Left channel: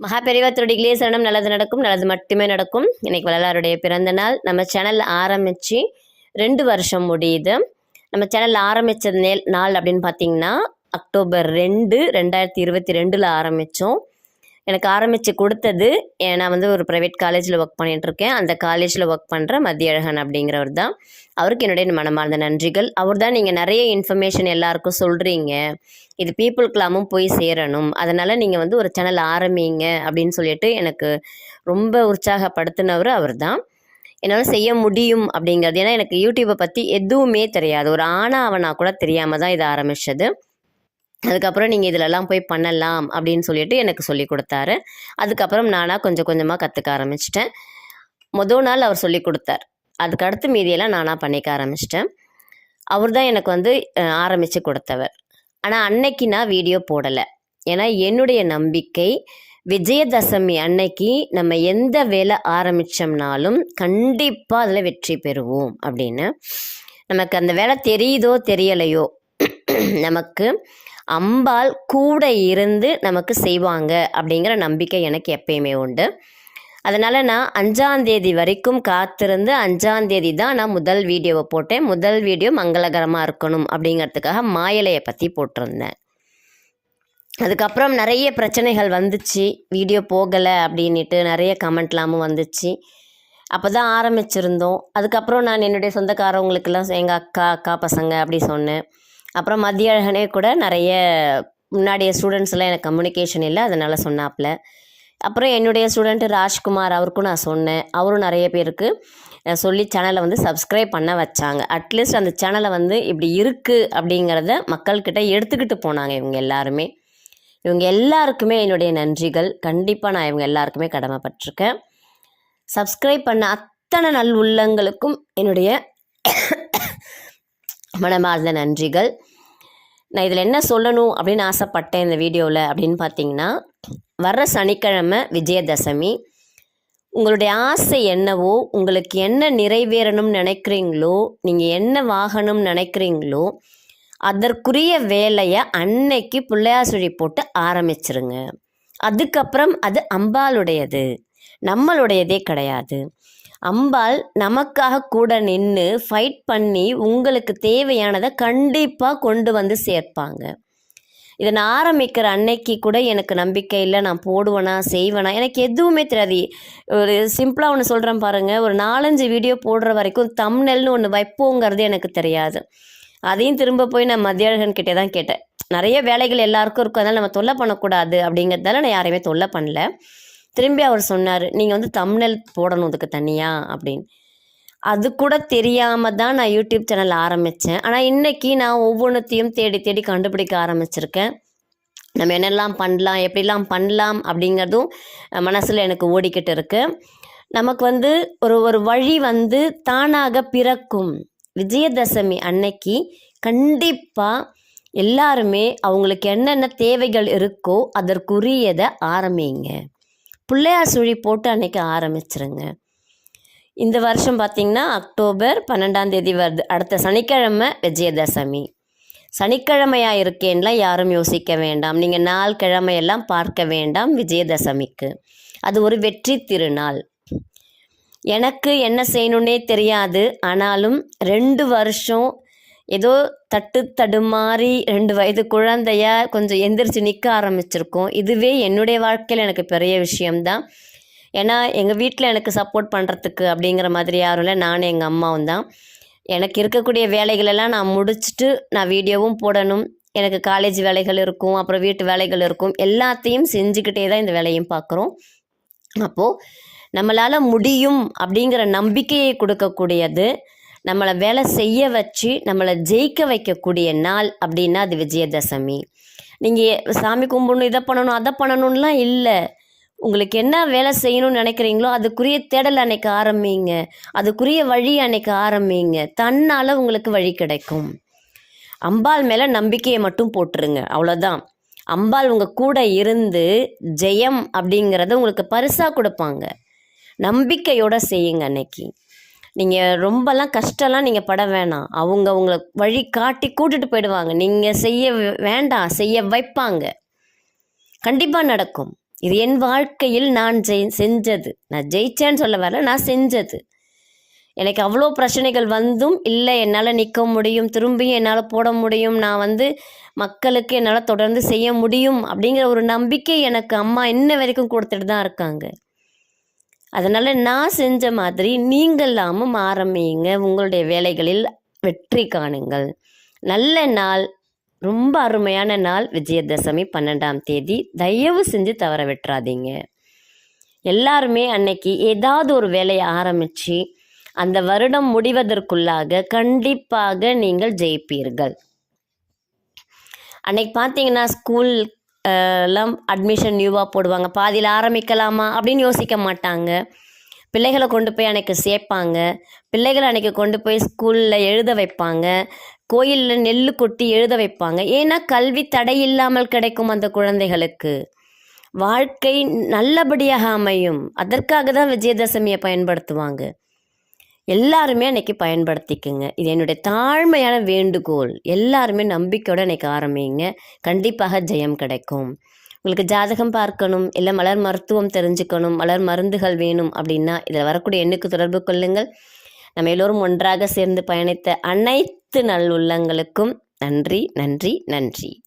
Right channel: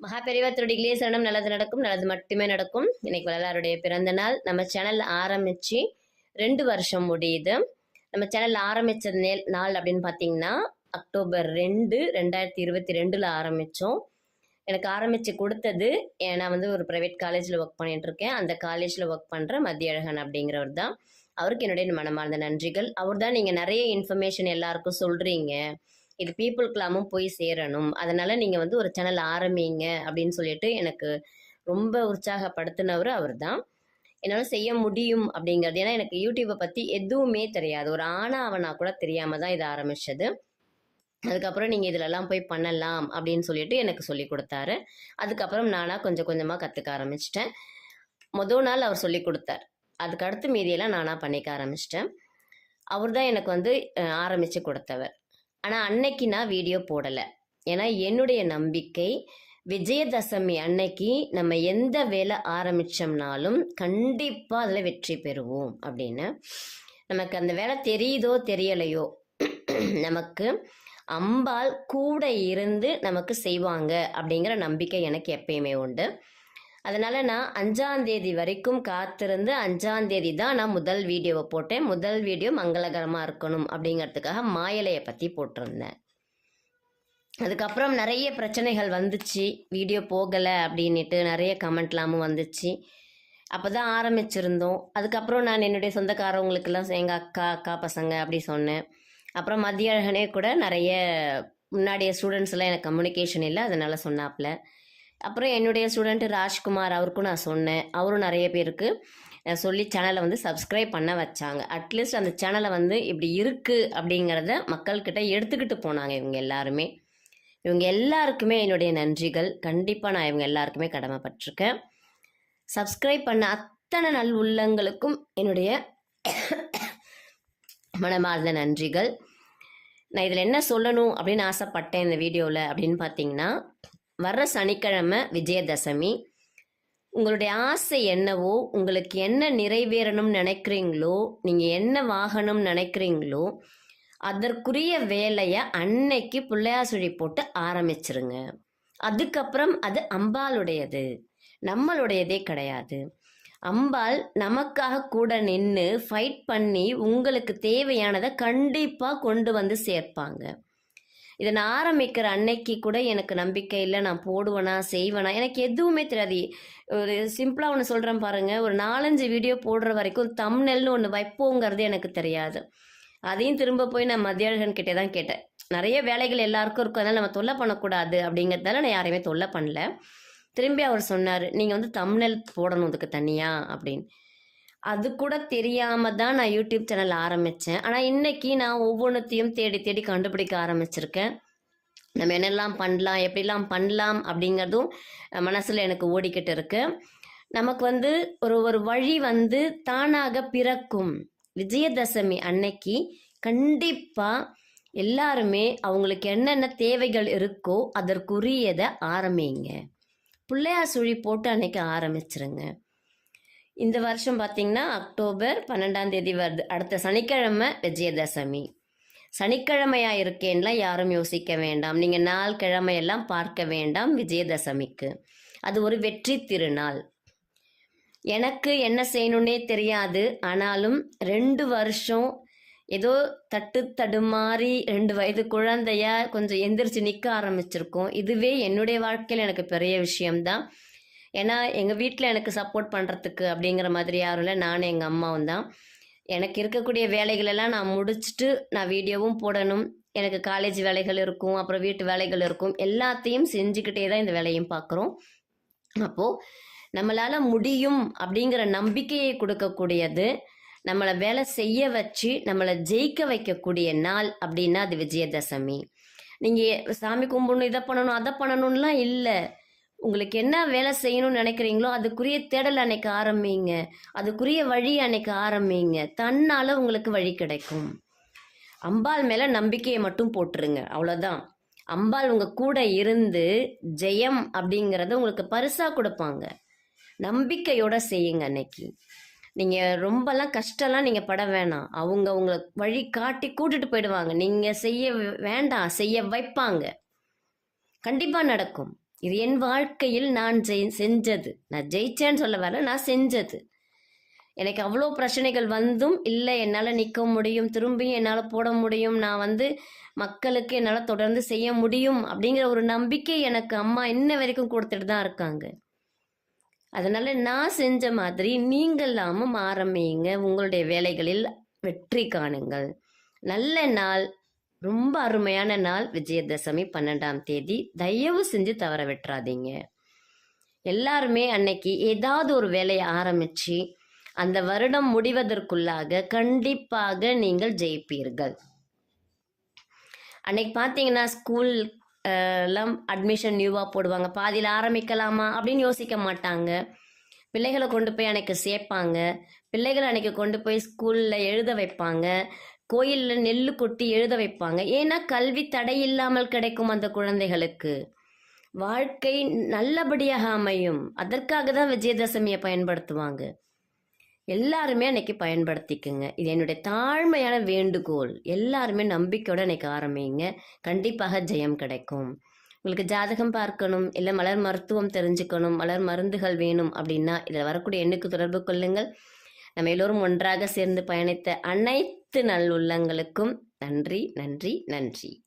மகாபெரிவா திருடிகளே சரணம். நல்லது நடக்கும் நல்லது மட்டுமே நடக்கும். இன்னைக்கு வள்ளலாருடைய பிறந்த நாள். நம்ம சேனல் ஆரம்பித்து ரெண்டு வருஷம் முடியுது. நம்ம சேனல் ஆரம்பித்த நே நாள் அப்படின்னு பார்த்தீங்கன்னா அக்டோபர் ரெண்டு ரெண்டாயிரத்தி இருபத்தி ரெண்டில் ஆரம்பித்தோம் எனக்கு ஆரம்பித்து கொடுத்தது ஏ- நான் வந்து ஒரு ப்ரைவேட் காலேஜில் ஒர்க் பண்ணிகிட்ருக்கேன் அந்த காலேஜில் ஒர்க் பண்ணுற மத்தியழகன் அப்படிங்கிறவர் தான். அவருக்கு என்னுடைய மனமார்ந்த நன்றிகள். அவர் தான் நீங்கள் நிறைய இன்ஃபர்மேஷன் எல்லாருக்கும் சொல்கிறீங்க இது பீப்புளுக்கெல்லாமும் போய் சேரணும். அதனால் நீங்கள் வந்து ஒரு சேனல் ஆரம்பிங்க அப்படின்னு சொல்லிட்டு எனக்கு ரொம்ப உற்சாகப்படுத்தினவர் அவர் தான். என்னால் செய்ய முடியும் அப்படிங்கிறது. ஏன்னா எனக்கு யூடியூப்பை பற்றி எதுவுமே தெரியாது. ஒரு ஆணாவனா கூட தெரியாமல் தான் இதை ஆரம்பித்தது அதுக்கப்புறம் நீங்கள் இதிலெல்லாம் போய் பண்ணலாம் அப்படின்னு சொல்லிட்டு எனக்கு சொல்லி கொடுத்தாரு. அதுக்கப்புறம் நானாக கொஞ்சம் கொஞ்சமாக கற்றுக்க ஆரம்பிச்சிட்டேன். மொதல் நாள் அவர் சொல்லி கொடுத்தார். அதுக்கடுத்து மீதியெல்லாம் நானாக பண்ணிக்க ஆரம்பிச்சிட்டேன். அவர் தான் எனக்கு வந்து ஆரம்பித்து கொடுத்தவர். ஆனால் அன்னைக்கு நான் வீடியோ போடலை. ஏன்னா என்னுடைய நம்பிக்கை விஜயதசமி அன்னைக்கு நம்ம எந்த வேலை ஆரம்பித்தோம்னாலும் கண்டிப்பாக அதில் வெற்றி பெறுவோம் அப்படின்னு. நமக்கு அந்த வேலை தெரியுதோ தெரியலையோ நமக்கு அம்பாள் கூட இருந்து நமக்கு செய்வாங்க அப்படிங்கிற நம்பிக்கை எனக்கு எப்பயுமே உண்டு. அதனால் நான் அஞ்சாந்தேதி வரைக்கும் காத்திருந்து அஞ்சாந்தேதி தான் நான் முதல் வீடியோவை போட்டேன். முதல் வீடியோ மங்களகரமாக இருக்கணும் அப்படிங்கிறதுக்காக மாயலையை பற்றி போட்டிருந்தேன். அதுக்கப்புறம் நிறைய பிரச்சனைகள் வந்துச்சு. வீடியோ போகலை அப்படின்ட்டு நிறைய கமெண்ட்லாமும் வந்துச்சு. அப்போ தான் ஆரம்பிச்சிருந்தோம். அதுக்கப்புறம் நான் என்னுடைய சொந்தக்காரவங்களுக்கெல்லாம் எங்கள் அக்கா அக்கா பசங்க அப்படி சொன்னேன். அப்புறம் மத்திய அழகனே கூட நிறைய முன்னாடிய ஸ்டூடெண்ட்ஸ்லாம் எனக்கு கம்யூனிகேஷன் இல்லை அதனால் சொன்னாப்புல. அப்புறம் என்னுடைய ஸ்டூடெண்ட்டு ராஜ்குமார் அவருக்கும் நான் சொன்னேன். அவரும் நிறைய பேருக்கு சொல்லி சேனலை வந்து சப்ஸ்கிரைப் பண்ண வச்சாங்க. அட்லீஸ்ட் அந்த சேனலை வந்து இப்படி இருக்குது அப்படிங்கிறத மக்கள்கிட்ட எடுத்துக்கிட்டு போனாங்க இவங்க எல்லாருமே. இவங்க எல்லாருக்குமே என்னுடைய நன்றிகள். கண்டிப்பாக நான் இவங்க எல்லாருக்குமே கடமைப்பட்டிருக்கேன். சப்ஸ்கிரைப் பண்ண அத்தனை நல் உள்ளங்களுக்கும் என்னுடைய மனமார்ந்த நன்றிகள். நான் இதில் என்ன சொல்லணும் அப்படின்னு ஆசைப்பட்டேன் இந்த வீடியோவில் அப்படின்னு பார்த்தீங்கன்னா வர்ற சனிக்கிழமை விஜயதசமி உங்களுடைய ஆசை என்னவோ உங்களுக்கு என்ன நிறைவேறணும்னு நினைக்கிறீங்களோ நீங்கள் என்ன வாகனம் நினைக்கிறீங்களோ அதற்குரிய வேலையை அன்னைக்கு பிள்ளையார் சுழி போட்டு ஆரம்பிச்சிருங்க. அதுக்கப்புறம் அது அம்பாளுடையது. நம்மளுடையதே கிடையாது. அம்பாள் நமக்காக கூட நின்று ஃபைட் பண்ணி உங்களுக்கு தேவையானதை கண்டிப்பாக கொண்டு வந்து சேர்ப்பாங்க. இதை நான் ஆரம்பிக்கிற அன்னைக்கு கூட எனக்கு நம்பிக்கை இல்லை. நான் போடுவேனா செய்வேனா? எனக்கு எதுவுமே தெரியாது. ஒரு சிம்பிளாக ஒன்று சொல்கிறேன் பாருங்கள் ஒரு நாலஞ்சு வீடியோ போடுற வரைக்கும் தம்னெல்னு ஒன்று வைப்போங்கிறது எனக்கு தெரியாது. அதையும் திரும்ப போய் நான் மத்தியழகன் கிட்டே தான் கேட்டேன். நிறைய வேலைகள் எல்லாருக்கும் இருக்கும். அதனால் நம்ம தொல்லை பண்ணக்கூடாது அப்படிங்கிறதால நான் யாரையுமே தொல்லை பண்ணல. திரும்பி அவர் சொன்னார் நீங்கள் வந்து தம்னெல் போடணும் அதுக்கு தனியாக அப்படின்னு. அது கூட தெரியாமல் தான் நான் யூடியூப் சேனல் ஆரம்பித்தேன் ஆனால் இன்றைக்கி நான் ஒவ்வொன்றத்தையும் தேடி தேடி கண்டுபிடிக்க ஆரம்பிச்சிருக்கேன். நம்ம என்னெல்லாம் பண்ணலாம் எப்படிலாம் பண்ணலாம் அப்படிங்கிறதும் மனசில் எனக்கு ஓடிக்கிட்டு இருக்கு. நமக்கு வந்து ஒரு ஒரு வழி வந்து தானாக பிறக்கும். விஜயதசமி அன்னைக்கு கண்டிப்பாக எல்லாருமே அவங்களுக்கு என்னென்ன தேவைகள் இருக்கோ அதற்குரியதை ஆரம்பிங்க. பிள்ளையார் சுழி போட்டு அன்றைக்கி ஆரம்பிச்சிருங்க. இந்த வருஷம் பார்த்திங்கன்னா அக்டோபர் பன்னெண்டாம் தேதி வருது. அடுத்த சனிக்கிழமை விஜயதசமி. சனிக்கிழமையாக இருக்கேன்லாம் யாரும் யோசிக்க வேண்டாம். நீங்கள் நாள் கிழமையெல்லாம் பார்க்க வேண்டாம் விஜயதசமிக்கு. அது ஒரு வெற்றி திருநாள். எனக்கு என்ன செய்யணுன்னே தெரியாது. ஆனாலும் ரெண்டு வருஷம் ஏதோ தட்டு தடுமாறி ரெண்டு வயது குழந்தையா கொஞ்சம் எந்திரிச்சு நிற்க ஆரம்பிச்சிருக்கோம். இதுவே என்னுடைய வாழ்க்கையில் எனக்கு பெரிய விஷயம்தான். ஏன்னா எங்கள் வீட்டில் எனக்கு சப்போர்ட் பண்ணுறதுக்கு அப்படிங்கிற மாதிரி யாரும் இல்லை. நானும் எங்கள் அம்மாவும் தான். எனக்கு இருக்கக்கூடிய வேலைகளெல்லாம் நான் முடிச்சுட்டு நான் வீடியோவும் போடணும். எனக்கு காலேஜ் வேலைகள் இருக்கும் அப்புறம் வீட்டு வேலைகள் இருக்கும். எல்லாத்தையும் செஞ்சுக்கிட்டே தான் இந்த வேலையும் பார்க்குறோம். அப்போது நம்மளால் முடியும் அப்படிங்கிற நம்பிக்கையை கொடுக்கக்கூடியது நம்மளை வேலை செய்ய வச்சு நம்மளை ஜெயிக்க வைக்கக்கூடிய நாள் அப்படின்னா அது விஜயதசமி. நீங்கள் சாமி கும்பிடணும் இதை பண்ணணும் அதை பண்ணணும்லாம் இல்லை. உங்களுக்கு என்ன வேலை செய்யணும்னு நினைக்கிறீங்களோ அதுக்குரிய தேடல் அன்னைக்கு ஆரம்பிங்க. அதுக்குரிய வழி அன்னைக்கு ஆரம்பிங்க. தன்னால் உங்களுக்கு வழி கிடைக்கும். அம்பாள் மேலே நம்பிக்கையை மட்டும் போட்டுருங்க. அவ்வளோதான் அம்பாள் உங்கள் கூட இருந்து ஜெயம் அப்படிங்கிறத உங்களுக்கு பரிசாக கொடுப்பாங்க. நம்பிக்கையோடு செய்யுங்க அன்னைக்கு. நீங்கள் ரொம்பலாம் கஷ்டம்லாம் நீங்கள் பட வேணாம். அவங்க உங்களை வழி காட்டி கூட்டிட்டு போயிடுவாங்க. நீங்கள் செய்ய வேண்டாம். செய்ய வைப்பாங்க. கண்டிப்பாக நடக்கும். இது என் வாழ்க்கையில் நான் ஜெய் செஞ்சது. நான் ஜெயிச்சேன்னு சொல்ல வரல நான் செஞ்சது. எனக்கு அவ்வளோ பிரச்சனைகள் வந்தும் இல்லை. என்னால் நிற்க முடியும். திரும்பியும் என்னால் போட முடியும். நான் வந்து மக்களுக்கு என்னால் தொடர்ந்து செய்ய முடியும். அப்படிங்கிற ஒரு நம்பிக்கை எனக்கு அம்மா இன்ன வரைக்கும் கொடுத்துட்டு தான் இருக்காங்க. அதனால் நான் செஞ்ச மாதிரி நீங்களாமும் ஆரம்பிங்க. உங்களுடைய வேலைகளில் வெற்றி காணுங்கள். நல்ல நாள் ரொம்ப அருமையான நாள் விஜயதசமி பன்னெண்டாம் தேதி. தயவு செஞ்சு தவற விட்டுறாதீங்க. எல்லாருமே அன்னைக்கு ஏதாவது ஒரு வேலையை ஆரம்பித்து அந்த வருடம் முடிவதற்குள்ளாக கண்டிப்பாக நீங்கள் ஜெயிப்பீர்கள். அன்னைக்கு பார்த்தீங்கன்னா ஸ்கூல் எல்லாம் அட்மிஷன் நியூவாக போடுவாங்க. பாதியில் ஆரம்பிக்கலாமா? அப்படின்னு யோசிக்க மாட்டாங்க. பிள்ளைகளை கொண்டு போய் அன்னைக்கு சேர்ப்பாங்க. பிள்ளைகளை அன்னைக்கு கொண்டு போய் ஸ்கூலில் எழுத வைப்பாங்க. கோயிலில் நெல் கொட்டி எழுத வைப்பாங்க. ஏன்னா கல்வி தடை இல்லாமல் கிடைக்கும் அந்த குழந்தைகளுக்கு. வாழ்க்கை நல்லபடியாக அமையும். அதற்காக தான் விஜயதசமியை பயன்படுத்துவாங்க. எல்லாருமே அன்னைக்கு பயன்படுத்திக்குங்க. இது என்னுடைய தாழ்மையான வேண்டுகோள். எல்லாருமே நம்பிக்கையோடு அன்றைக்கி ஆரம்பிங்க. கண்டிப்பாக ஜெயம் கிடைக்கும். உங்களுக்கு ஜாதகம் பார்க்கணும் இல்லை மலர் மருத்துவம் தெரிஞ்சுக்கணும் மலர் மருந்துகள் வேணும் அப்படின்னா இதில் வரக்கூடிய எண்ணுக்கு தொடர்பு கொள்ளுங்கள். நம்ம எல்லோரும் ஒன்றாக சேர்ந்து பயணித்த அனைத்து நல்லுள்ளங்களுக்கும் நன்றி நன்றி நன்றி.